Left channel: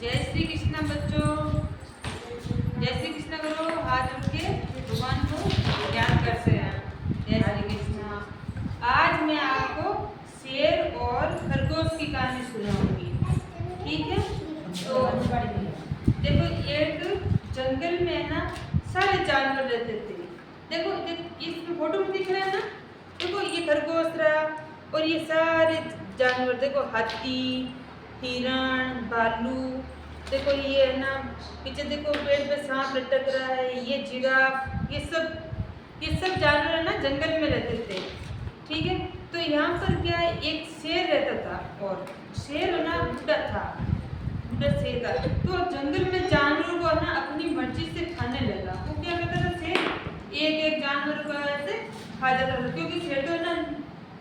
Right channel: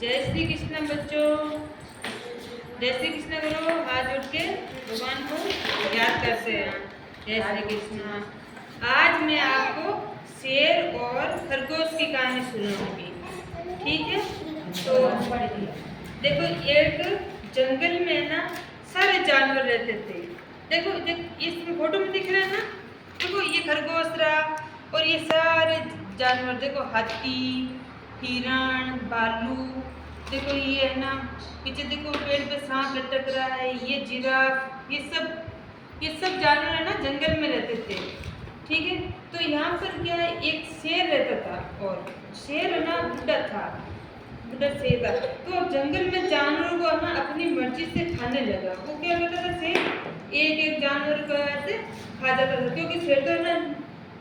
जय श्री कृष्ण बच्चों, जय श्री कृष्ण करो, हाथ उठ के भगवान को याद करते हैं। जय श्री कृष्ण। आज मैं आपको शेर और खरगोश की कहानी सुनाऊंगी, ठीक है। तो देखो, एक जंगल में ना सारे जानवर रहते थे। देखो इस फोटो में दिख रहा है ना, देखो ये खरगोश रहा और ये सारे जानवर, देखो हाथी, हिरण, भालू, देखो ये है ना, पीछे देखो पेड़ पे सांप लटक रहा है, ये जिराफ, ये सब जानवर है ना जंगल में रहते थे, ठीक है। तो यहाँ पर क्या है, एक शेर रहता था और शेर है ना बुढ़ा था, बुढ़ा शेर था। तो जंगल में जानवरों को ना अपनी मर्जी से खाने लगा। वो क्या करता था, शेर एक एक जानवर को ऐसे खा जाता था, क्योंकि शेर तो है ना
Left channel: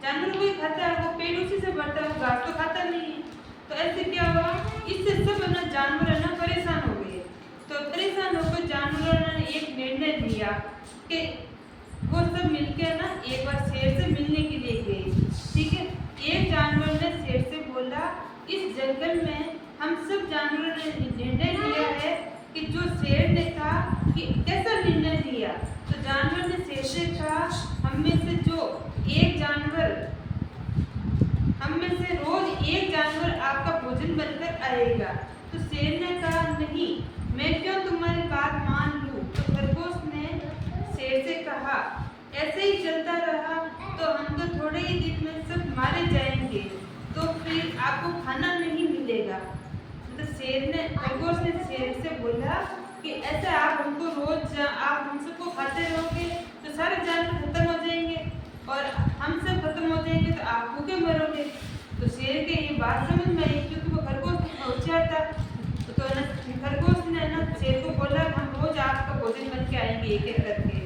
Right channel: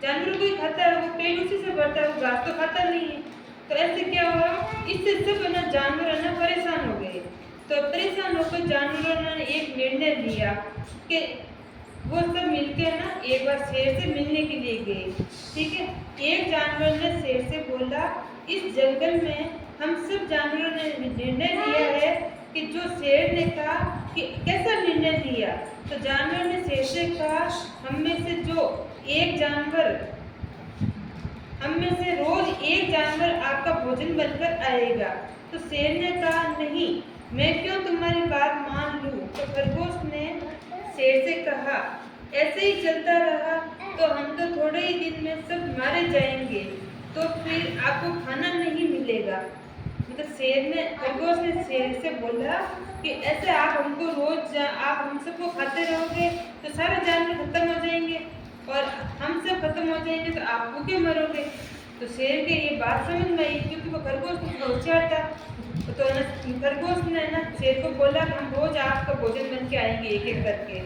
जानवर को ही खाता है, वो पेट उसी से भरता है, वो घास तो खाता नहीं है। तो ऐसे क्या हुआ, इससे सब है ना जानवर है ना परेशान हो गए। तो परेशान होकर जानवरों ने एक निर्णय लिया कि वो सब मिलकर ना एक बार शेर से मिलने के लिए गए, ठीक है। एक जानवर ने शेर से बोला, इस जंगल में हम सब जानवरों ने निर्णय लिया है कि जो शेर ने कहा कि कैसा निर्णय लिया, तो जानवर ने शेर से कहा, हम में से रोज एक जानवर आपका भोजन बनकर आएगा। तो शेर ने कहा, नहीं, मैं क्यों तुम्हारी बात मान लूं। तो खरगोश ने शेर से कहा, ऐसे ही चलता रहा तो हम तो थोड़े ही दिन में सब मारे जाएंगे, तो फिर आपको खाना नहीं मिलेगा। तो खरगोश ने शेर से बोला कि ऐसे आप हम सबको खाते रहोगे तो सारे जानवर खत्म हो जाएंगे और हम सब खत्म हो जाएंगे तो आप भूखे मरोगे। तो शेर के ये बात समझ में आई, क्योंकि वो खरगोश होशियार था। तो खरगोश ने ना शेर को बोला, हम रोज आपका भोजन बन के आएंगे एक एक करके।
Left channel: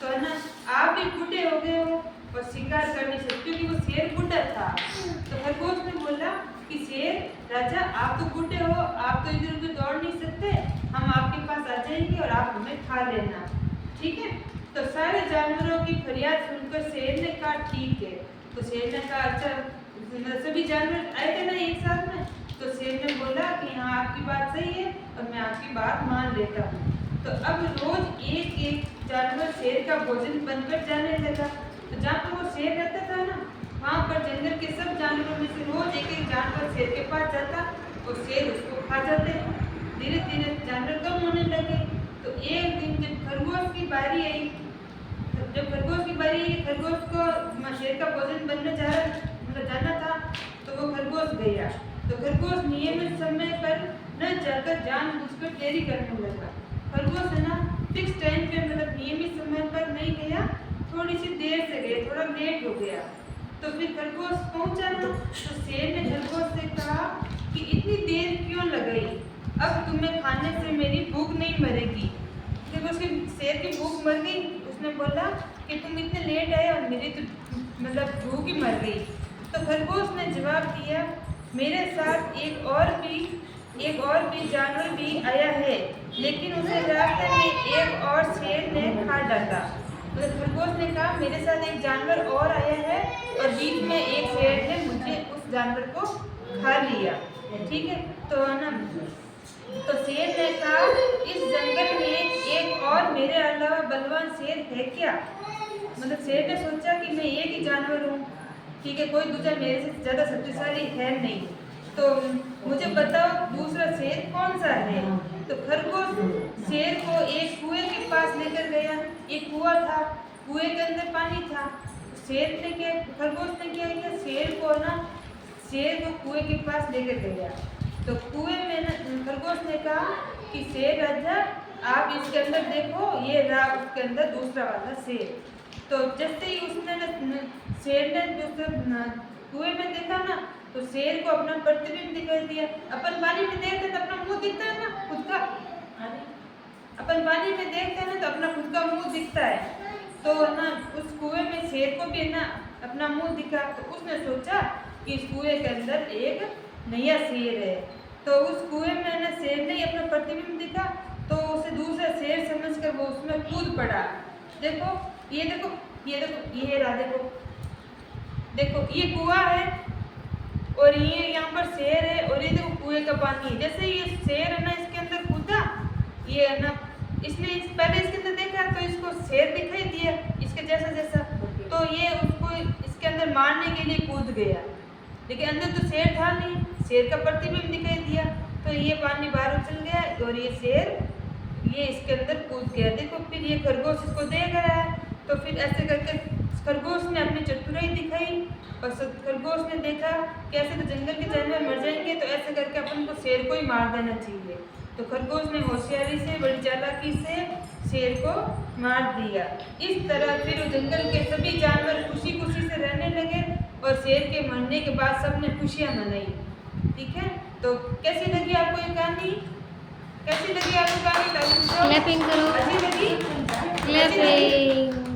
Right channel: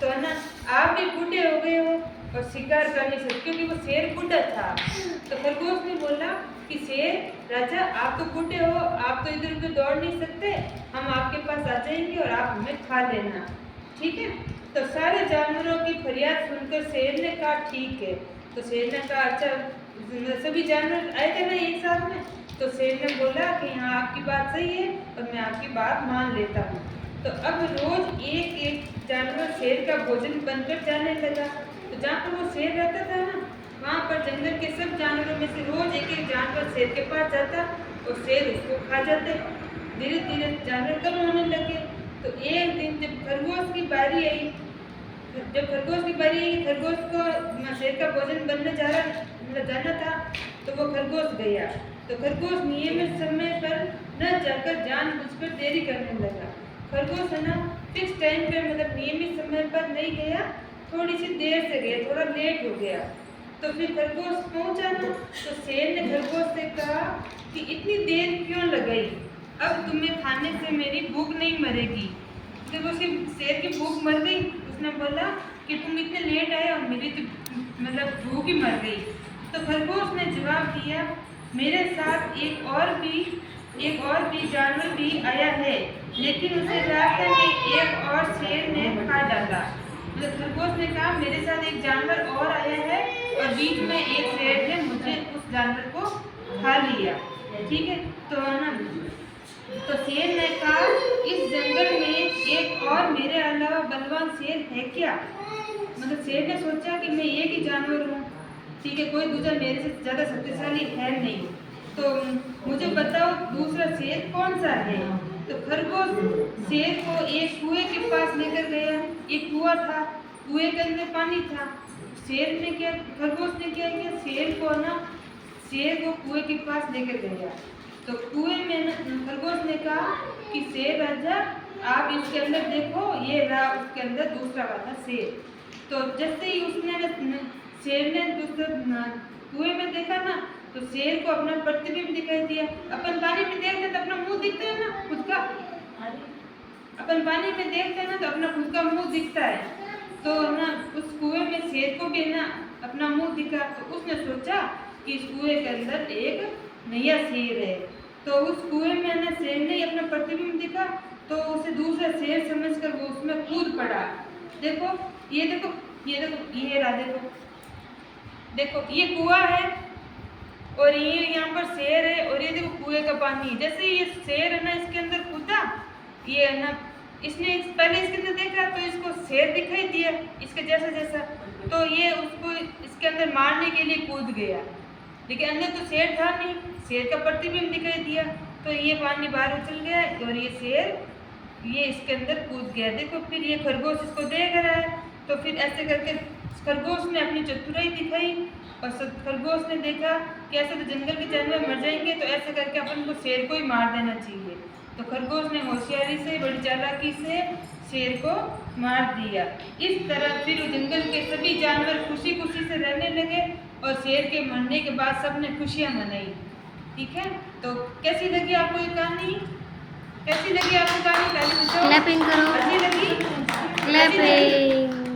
तो है ना, आप भी बूढ़े हो गए हो और शिकार कर नहीं सकते, क्योंकि वो शेर बूढ़ा था। तो खरगोश ने बोला कि शेर राजा, आप तो बूढ़े हो, आप तो इधर उधर दौड़ नहीं सकते, हम आपके पास आ जाएंगे और आप हमें खा लेना, ठीक है। तो सारे जानवरों की फरियाद सुनकर शेर ने कहा, ठीक है। तो शेर ने कहा, अच्छा, सभी जानवर आए थे ना एक साथ में। तो शेर ने बोला कि हाँ, आपकी बात सही है और मैं आपकी बात मान लेता हूँ। तो अब रोज एक एक जानवर शेर का भोजन बनकर जाने लगा। तो जहाँ पर वो शेर रहता था ना, वहाँ पर जंगल के सब जानवरों में से रोज एक एक जानवर शेर के पास जाता और शेर उसको खा जाते। धीरे धीरे जानवर कम होने लगे। तो एक दिन जब खरगोश की बारी आई, खरगोश को शेर का भोजन बनने जाना था, तो वो खरगोश गया। तो खरगोश नियमित समय पर न जाकर जानबूझकर देरी करने लगा। खरगोश है ना फिक्स टाइम पे, मतलब नियमित समय पर नहीं गया, थोड़ी सी देर से गया, थोड़ा लेट हो गया। तो फिर खरगोश पहुंचा ना, तो शेर ने खरगोश से कहा कि इतनी देर क्यों लगाई, अब तुम्हें खाने से मेरी भूख नहीं मरेगी। देखो, उसके शेर की भूख मर गई। उसने बोला कि तुम इतने लेट आए और मेरी तो मतलब भूख ही मर गई। तो खरगोश ने जवाब दिया, मेरे साथ एक और भी जानवर भी आया है, लेकिन उसे रास्ते में एक और शेर ने खा डाला। मतलब खरगोश ने कहा, मेरे साथ एक जानवर और आया है और बीच में एक शेर ने मुझे उस जानवर को खा लिया, ठीक है। तो ना, तो शेर ने कहा, इस जंगल में एक और मेरे अलावा बलवान शेर है क्या। मतलब शेर ने सोचा कि मैं एक ही जानवर हूँ, ठीक है, कोई दूसरा मेरे से ज़्यादा शक्तिशाली है नहीं, तो मुझे बताओ दूसरा शेर कौन सा है। तो खरगोश शेर को एक कुएं के पास लेकर गया। एक कुआं था, कुएं के अंदर पानी था। खरगोश ने क्या किया, शेर को कुएं के पास लेकर गया। तो कुएं में खरगोश ने कहा कि शेर राजा, आप इसके अंदर देखो, ये रहा उसके अंदर दूसरा वाला शेर। तो जैसे ही शेर ने कुएं में देखा ना, तो शेर को अपना प्रतिबिंब दिखाई दिया। अपन पानी में देखते हैं तो अपना मुंह दिखता है ना खुद का, अपन पानी में देखते हैं ना तो अपना खुद का मुंह दिखता है। तो ना उस कुएं में शेर को भी ना अपना मुंह दिखा। तो उसने सोचा कि इस कुएं के अंदर एक नया शेर है। तो उस कुएं में ना शेर ने अपना प्रतिबिंब दिखा, तो उसे दूसरा शेर समझकर वो उसमें कूद पड़ा। देखो, ये रहा, देखो ये कुआं है और ये यहाँ पर शेर है और ये देखो कुएं का पानी। जैसे ये शेर है ना, इसके अंदर कूदा, ये है ना, इसने पहले इसके अंदर देखा तो इसको शेर दिखाई दिया इसके जैसा जैसा, तो ये उसको इसके अंदर मारने के लिए कूद गया, लेकिन अंदर तो शेर था नहीं, शेर का प्रतिबिंब दिखाई दिया, तो ये पानी बाहर उछल गया और ये शेर ये इसके अंदर कूद गया। देखो फिर ये खरगोश इसको देख रहा है, तो फिर ऐसे करके खरगोश ने अपनी चतुराई दिखाई और खरगोश ने देखा कि ऐसे तो जंगल के जानवर मर जाएंगे, तो ऐसे करके अपन को शेर को ही मार देना चाहिए। तो खरगोश ने होशियारी से, बड़ी चालाकी से शेर को मार दिया। इस तरह फिर जंगल के सभी जानवर खुशी खुशी से रहने लगे और शेर के मरने के बाद सबने खुशियाँ मनाई। ठीक है, तो कैसी लगी आपको ये कहानी? कैसी लगी आपको कहानी? क्लैपिंग करो, अच्छी लगी? क्लैपिंग।